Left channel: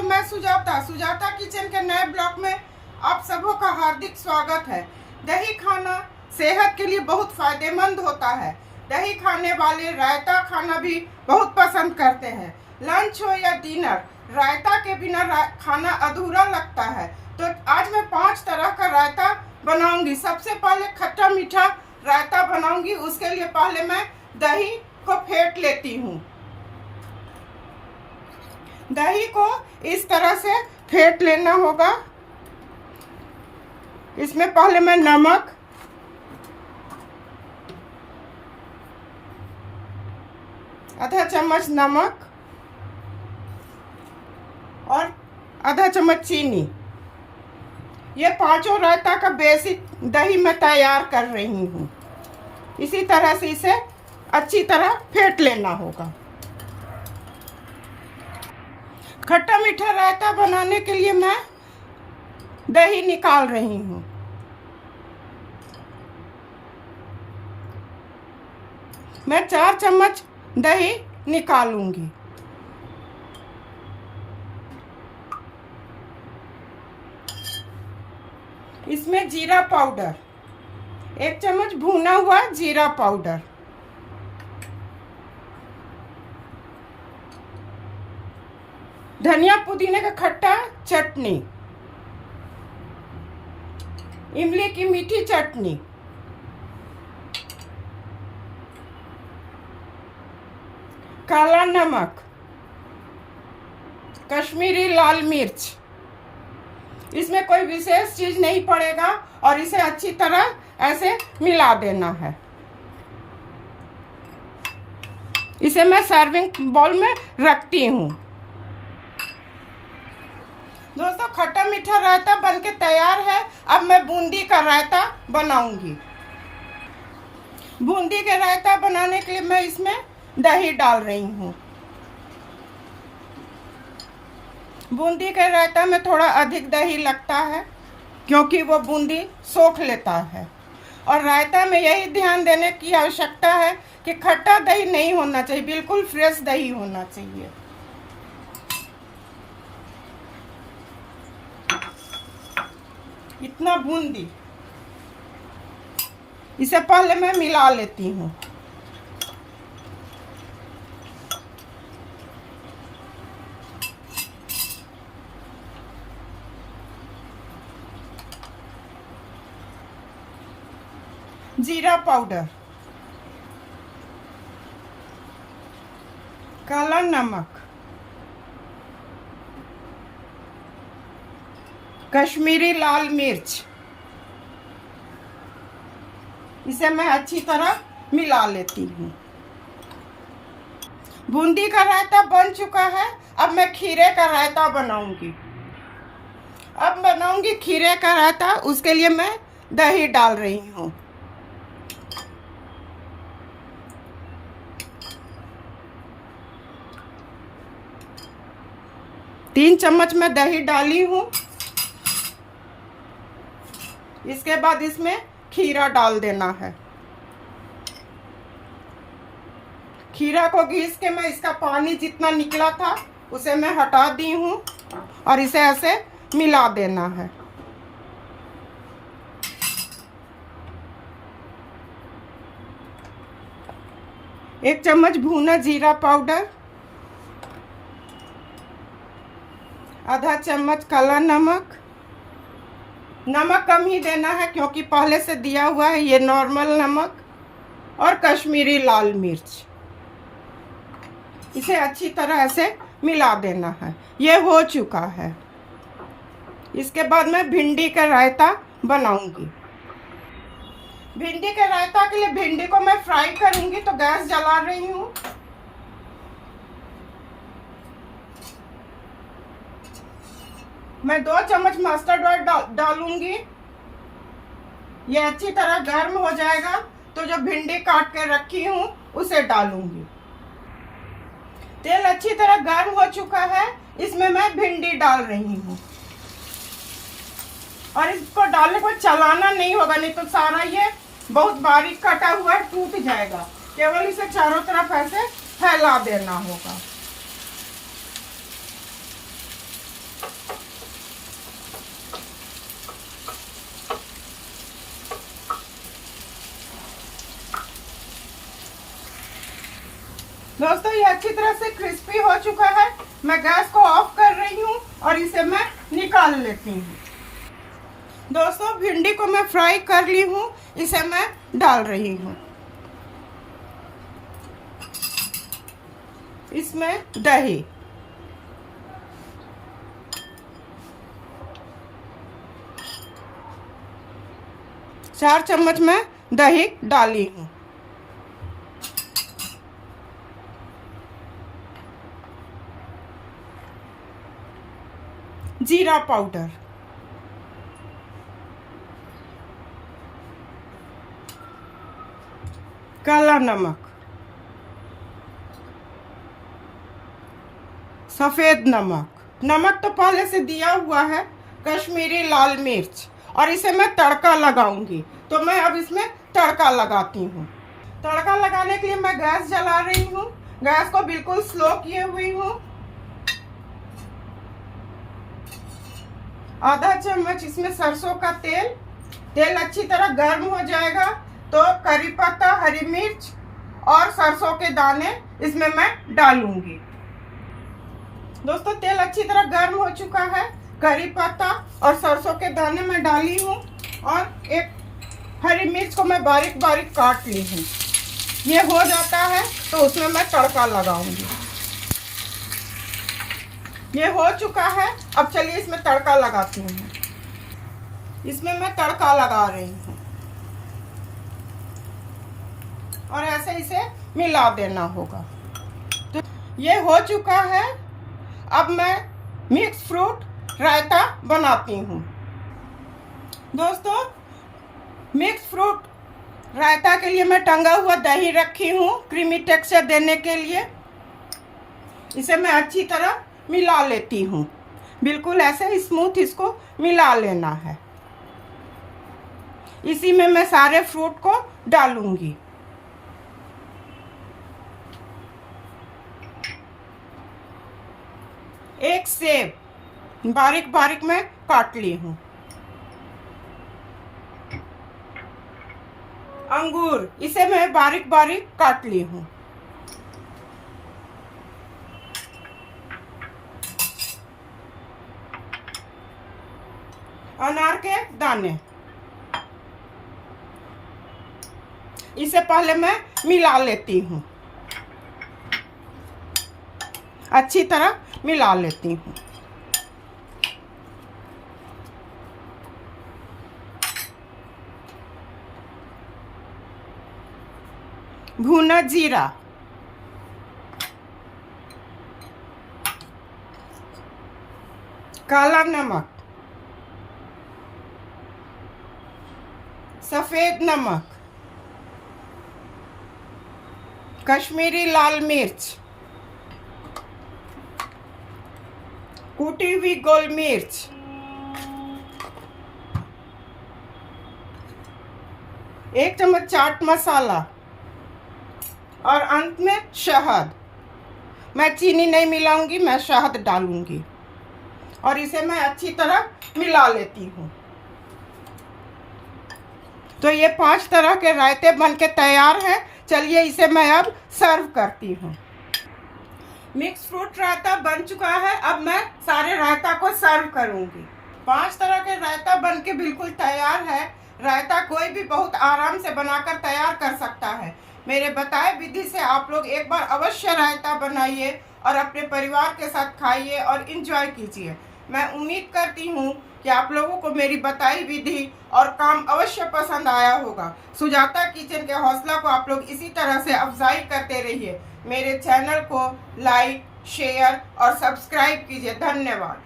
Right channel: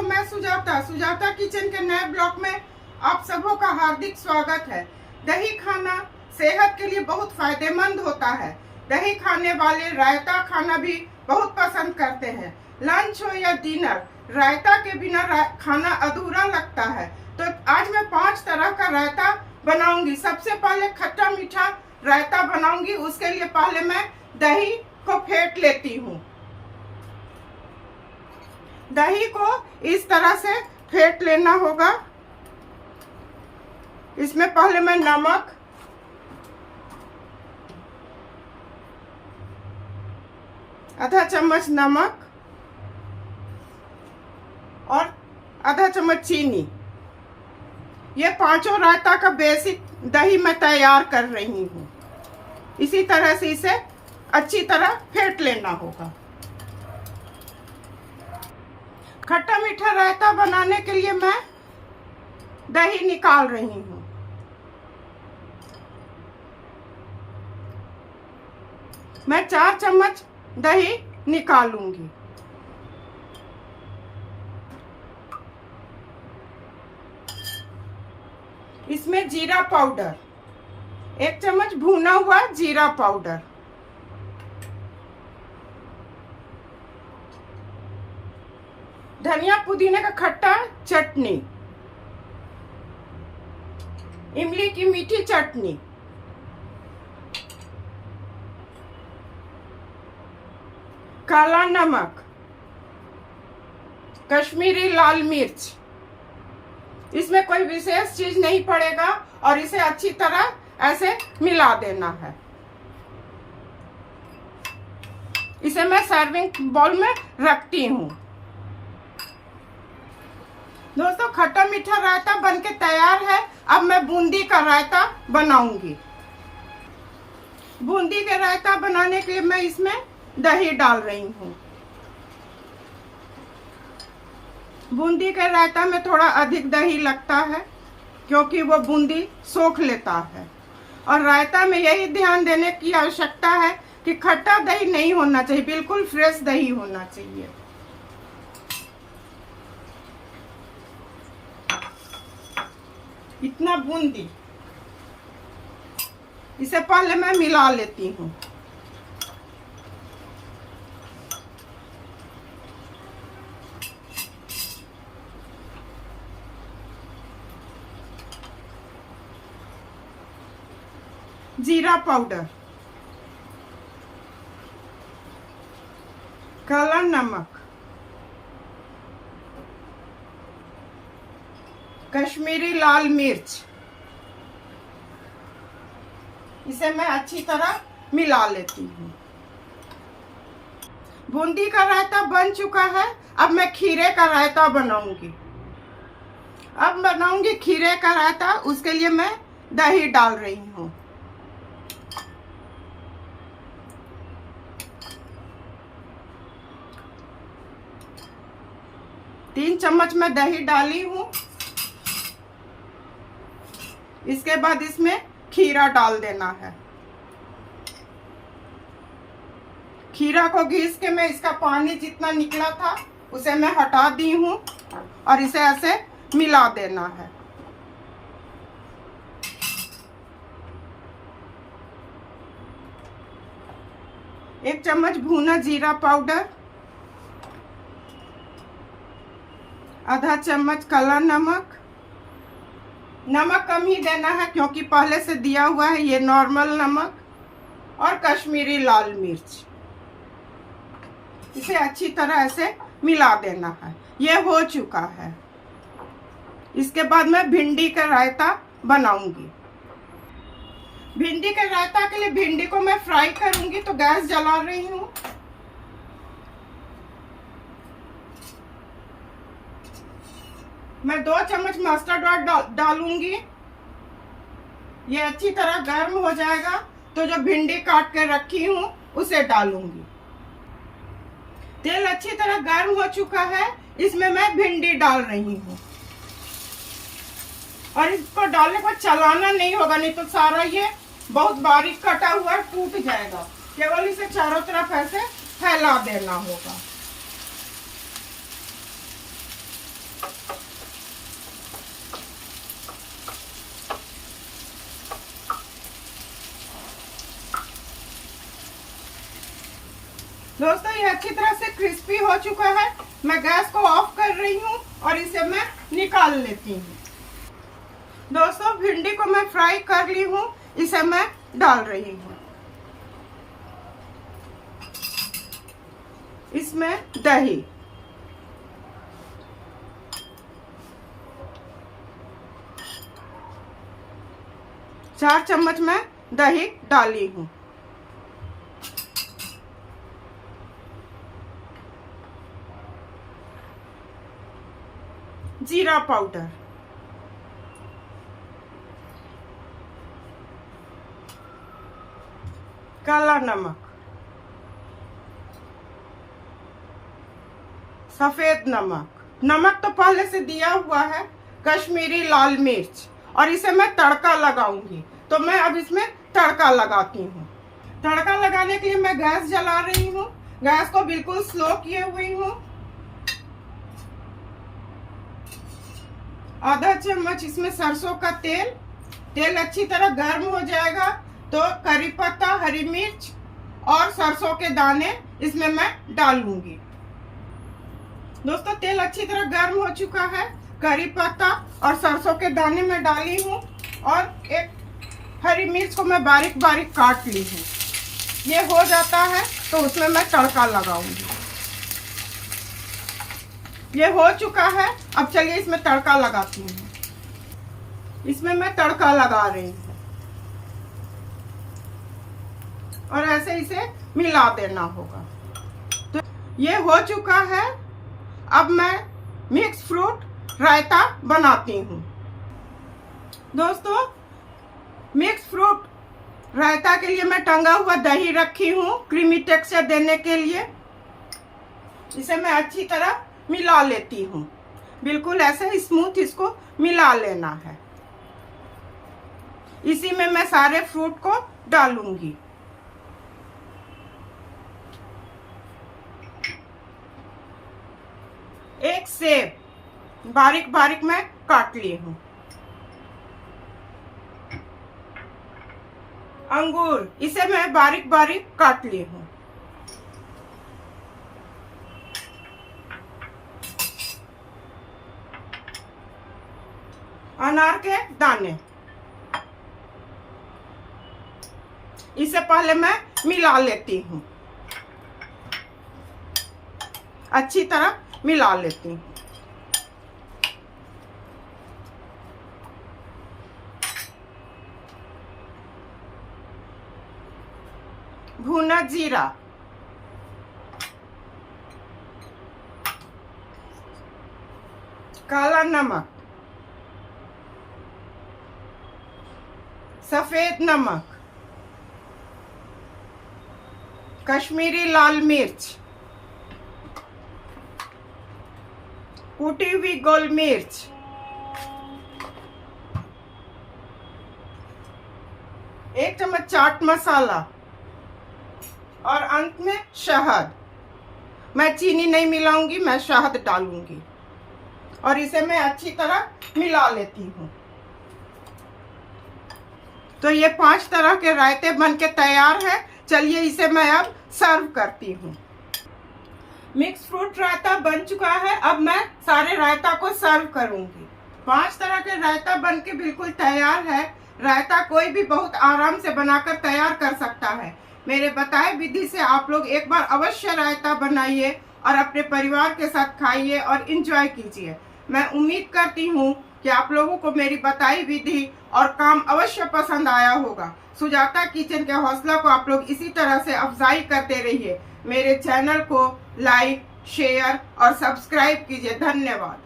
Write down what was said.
दोस्तों, मैं सुजाता किचन के नए ब्लॉग में आप सबों का हार्दिक स्वागत है। दही खाना सेहत के लिए बहुत फायदेमंद होता है। दही खाने वाले रायता खाना भी बहुत पसंद करते हैं। लंच हो या डिनर, रायता के बिना खाना अधूरा लगता है। तो आज मैं 5 तरह का रायता बनाऊंगी। सबसे पहले खट्टा मीठा रायता बनाऊंगी। उसके लिए पहले मैं दही को फेंट लेती हूँ। दही को इस तरह से फेंट लेना होगा। इसमें पहले मैं नमक, आधा चम्मच नमक और आधा चम्मच चीनी, ये पांचों रायता का बेसिक दही मैं तैयार कर रही हूँ। इसी तरह से इसे अच्छी तरह फेंट लेना होगा। खट्टा मीठा रायता बनाने के लिए मैं दही निकाल रही हूँ। मैं 4 चम्मच दही निकालूंगी। इसमें जीरा पाउडर, 1 चम्मच भुना हुआ जीरा पाउडर, धनिया पुदीने का खट्टा चटनी, इमली की मीठी चटनी, काला नमक, कश्मीरी लाल मिर्च। इसमें कोई विशेष चीज नहीं पड़ेगा और इसे अच्छी तरह ऐसे मिला देना है। इसे मैं सर्विंग बाउल में रखती हूँ। दोस्तों, खट्टा मीठा रायता बनके तैयार है। अब मैं बूंदी का रायता बनाऊंगी। बूंदी के रायता बनाने के लिए मैं इसमें दही डाल रही हूँ। बूंदी के रायता में थोड़ा अधिक दही लगता है क्योंकि वो बूंदी सोख लेता है। और रायता में यही ध्यान देने की आवश्यकता है कि खट्टा दही नहीं होना चाहिए, बिल्कुल फ्रेश दही होना चाहिए। इतना बूंदी, इसे पहले मैं मिला लेती हूँ। जीरा पाउडर, काला नमक, कश्मीरी लाल मिर्च, इसे मैं अच्छी तरह मिला लेती हूँ। बूंदी का रायता बन चुका है। अब मैं खीरे का रायता बनाऊंगी। अब बनाऊंगी खीरे का रायता। उसके लिए मैं दही डाल रही हूँ। तीन चम्मच मैं दही डाली हूँ। इसके बाद इसमें खीरा डाल देना है। खीरा को घिस के मैं इसका पानी जितना निकला था उसे मैं हटा दी हूँ और इसे ऐसे मिला देना है। एक चम्मच भुना जीरा पाउडर, आधा चम्मच काला नमक। नमक कम ही देना है क्योंकि पहले से दिया हुआ है ये नॉर्मल नमक, और कश्मीरी लाल मिर्च। इसे अच्छी तरह ऐसे मिला देना है। ये हो चुका है। इसके बाद मैं भिंडी का रायता बनाऊंगी। भिंडी के रायता के लिए भिंडी को मैं फ्राई करूंगी, तो गैस जला रही हूँ। मैं 2 चम्मच मस्टर्ड ऑयल डालूंगी। ये अच्छी तरह गर्म हो जाएगा तो जो भिंडी काट के रखी हूँ उसे डालूंगी। तेल अच्छी तरह गर्म हो चुका है। इसमें मैं भिंडी डाल रही हूँ और इसको डालने को चलाना नहीं होगा, नहीं तो सारा ये बहुत बारीक कटा हुआ टूट जाएगा। केवल इसे चारों तरफ ऐसे फैला देना होगा। ये अच्छी तरह से क्रिस्पी हो चुका है। मैं गैस को ऑफ कर रही हूँ और इसे मैं निकाल लेती हूँ। दोस्तों, भिंडी को मैं फ्राई कर ली हूँ, इसे मैं डाल रही हूँ। इसमें दही, चार चम्मच मैं दही डाली हूँ। जीरा पाउडर, काला नमक, सफेद नमक, नमक तो पहले से दिया हुआ है, कश्मीरी लाल मिर्च, और इसे मैं तड़का लगाऊंगी। तो मैं अब इसमें तड़का लगाती हूँ। तड़का लगाने के लिए मैं गैस जला रही हूँ। गैस को बिल्कुल स्लो किए हुई हूँ। आधा चम्मच इसमें सरसों का तेल। तेल अच्छी तरह गर्म हो जाएगा तो करी पत्ता, हरी मिर्च और सरसों के दाने इसमें मैं डालूंगी। दोस्तों, तेल अच्छी तरह गर्म हो चुका है। करी पत्ता और सरसों के दाने मैं डाली हूँ और एक हरी मिर्च को मैं बारीक बारीक काट ली हूँ। ये हो जाता है तो उसमें मैं तड़का लगाऊंगी। ये हो चुका है, अब चलिए इसमें तड़का लगाती हूँ। इसमें मैं तड़का लगा रही हूँ और ऐसे इसे मिला देना होगा। तो ये हो चुका है। अब मैं मिक्स फ्रूट रायता बनाती हूँ। दोस्तों, मिक्स फ्रूट रायता के लिए मैं टंगा हुआ दही रखी हूँ क्रीमी टेक्सचर देने के लिए। इसे मैं अच्छी तरह मिला लेती हूँ। बिल्कुल ऐसे ही स्मूथ इसको मिला लेना है। इसी में मैं सारे फ्रूट को डालूंगी। एक सेब बारीक बारीक मैं काट ली हूँ। अंगूर, इसे मैं बारीक बारीक काट ली हूँ। अनार के दाने, इसे पहले मैं मिला लेती हूँ। अच्छी तरह मिला लेती हूँ। भुना जीरा, काला नमक, सफेद नमक, कश्मीरी लाल मिर्च, कूटी हुई गोल मिर्च, एक चम्मच चाट मसाला और अंत में शहद। मैं चीनी नहीं मिलाऊंगी, मैं शहद डालूंगी और इसे मैं अच्छी तरह मिला लेती हूँ। तो ये 5 तरह के रायते बनके तैयार है। चलिए इसे मैं अब सर्व करती हूँ। मिक्स फ्रूट रायता बन चुका है। अब मैं सारे रायता को सर्व करूंगी। 5 तरह के रायता बनके बिल्कुल तैयार है। रायता कोई भी बहुत आराम से बनाकर तैयार कर सकता है। मेरे बताए विधि से आप लोग एक बार अवश्य रायता बनाइए और अपने परिवार के साथ खाइए और इंजॉय कीजिए। मैं उम्मीद करती हूँ कि आप लोगों को मेरी बताई विधि और काम अवश्य पसंद आया होगा। सुजाता किचन के हौसला को आप लोग इसी तरह से अफजाई करते रहिए। मेरे चैनल को लाइक, शेयर और सब्सक्राइब कीजिए। धन्यवाद।